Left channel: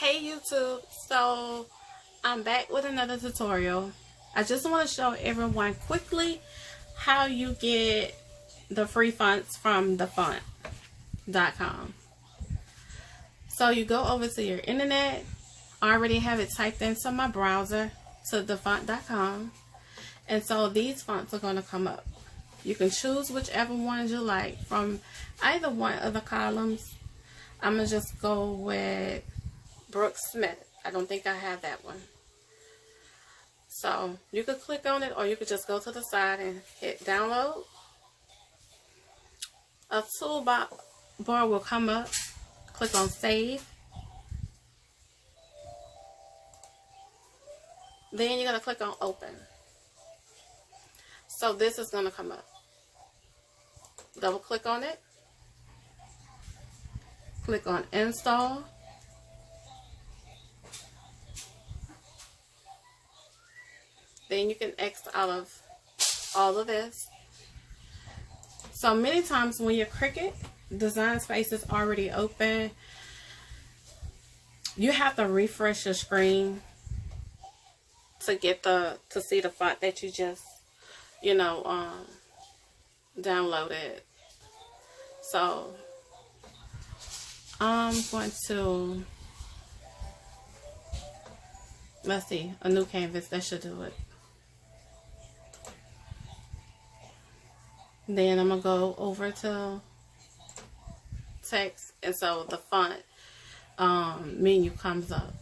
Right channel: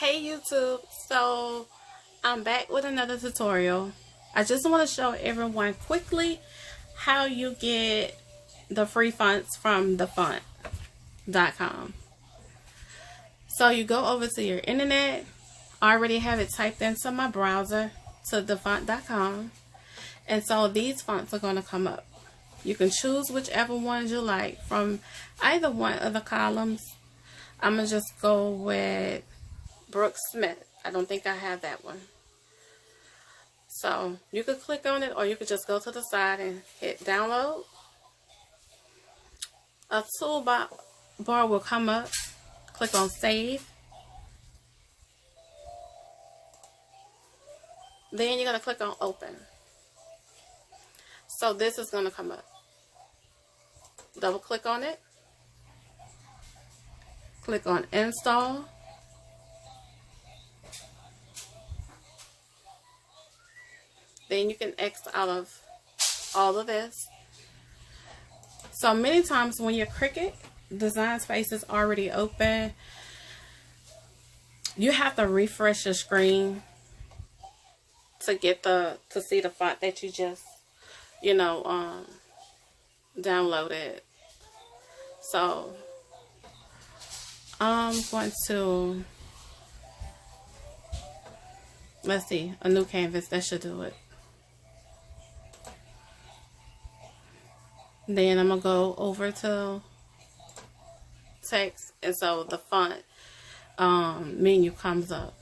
Hey YouTube, so I'm back with another tutorial. I just want to show everyone quickly how you get the free fonts from thefont.com. So you go over to your internet. I already have it typed into my browser to thefont.com, and so these fonts are going to come up. You can choose whichever ones you like from either one of the columns. I'm going to just go with Brooks Smith. I don't think I have that one. So you could click on it, or you could just go to the side and hit download. A toolbar will come up. Click on save. Then you're going to click on open. So this is going to come up. Double click on it. Click on install. Then you can X out of all of this. So many times when your Cricut design space is already open, you have to refresh your screen to get to see the font that you just downloaded. So I'm going to, let's see, a new canvas. That should do it. Then I'm going to go over to text, and so the font menu comes up.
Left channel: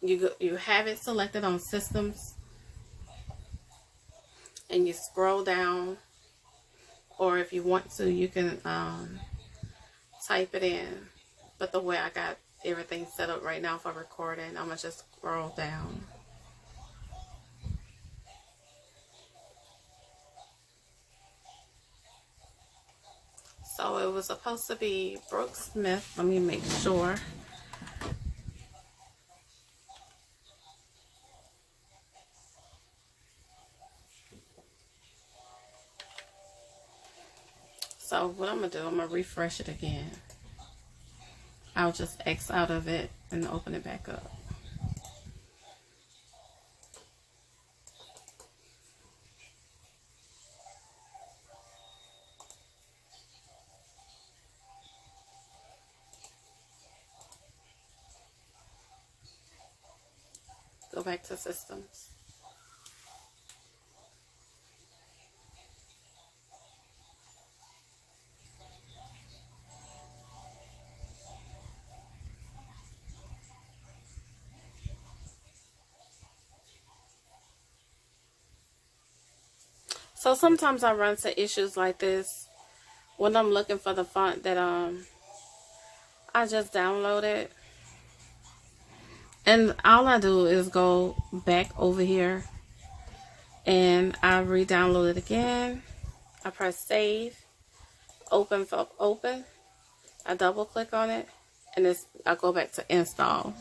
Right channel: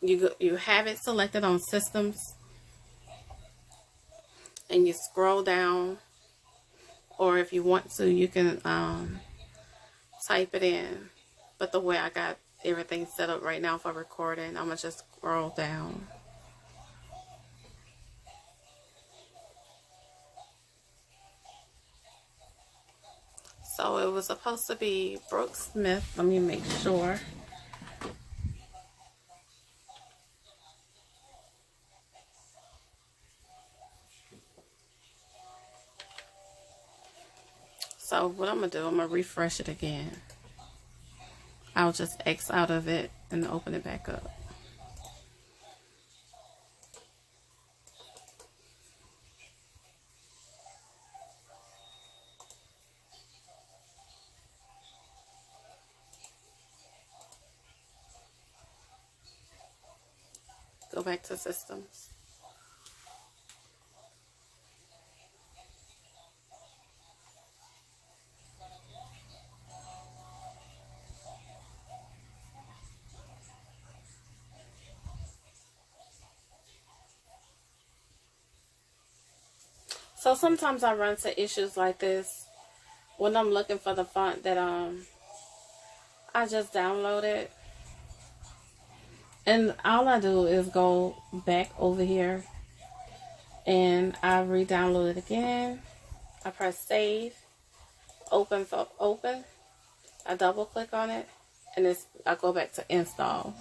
You have it selected on systems, and you scroll down, or if you want to, you can type it in. But the way I got everything set up right now for recording, I'm going to just scroll down. So it was supposed to be Brooks Smith. Let me make sure. So what I'm going to do, I'm going to refresh it again. I'll just X out of it and open it back up. Go back to systems. So sometimes I run into issues like this when I'm looking for the font that I just downloaded. And all I do is go back over here and I re-download it again. I press save, open for open. I double click on it, and I go back to install.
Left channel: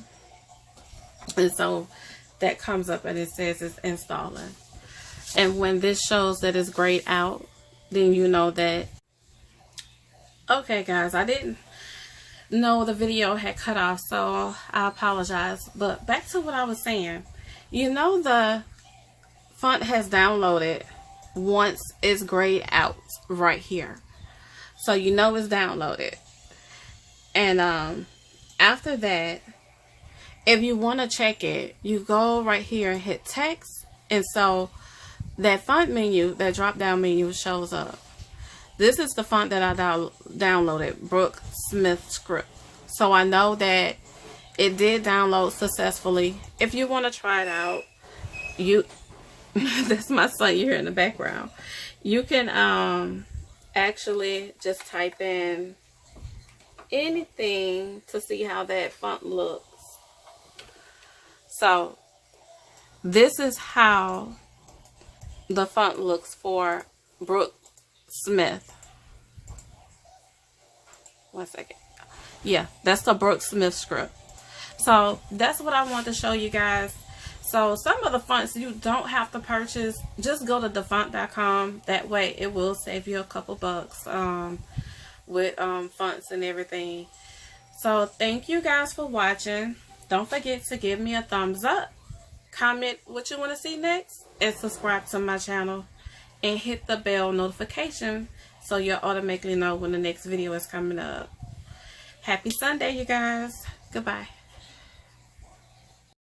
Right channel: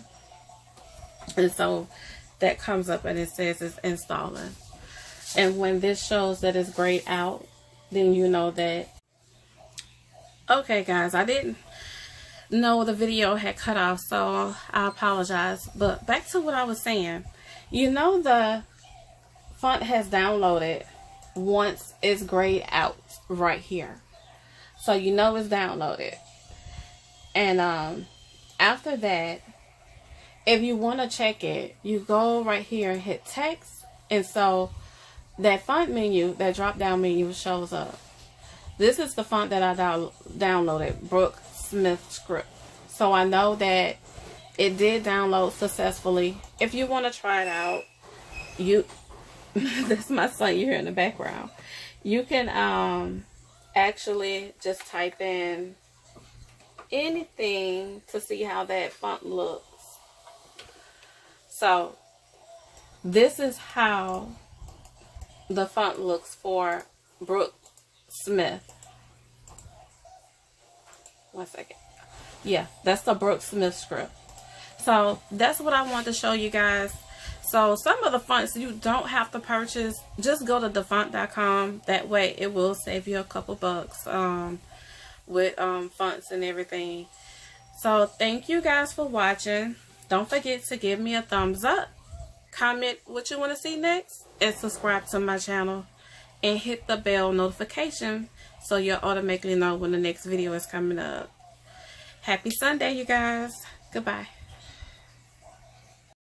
And so that comes up and it says it's installing. And when this shows that it's grayed out, then you know that. Okay guys, I didn't know the video had cut off, so I apologize. But back to what I was saying. You know the font has downloaded once it's grayed out right here. So you know it's downloaded. And after that, if you want to check it, you go right here and hit text. And so that font menu, that drop down menu shows up. This is the font that I downloaded, Brooks Smith script. So I know that it did download successfully. If you want to try it out, that's my son you hear in the background. You can actually just type in anything to see how that font looks. So this is how the font looks for Brooks Smith. One second. Yeah, that's the Brooks Smith script. So that's what I want to show you guys. So some of the fonts you don't have to purchase. Just go to thefont.com. That way it will save you a couple bucks with fonts and everything. So thank you guys for watching. Don't forget to give me a thumbs up, comment what you want to see next, and subscribe to my channel. And hit the bell notification so you'll automatically know when the next video is coming up. Happy Sunday, you guys. Goodbye.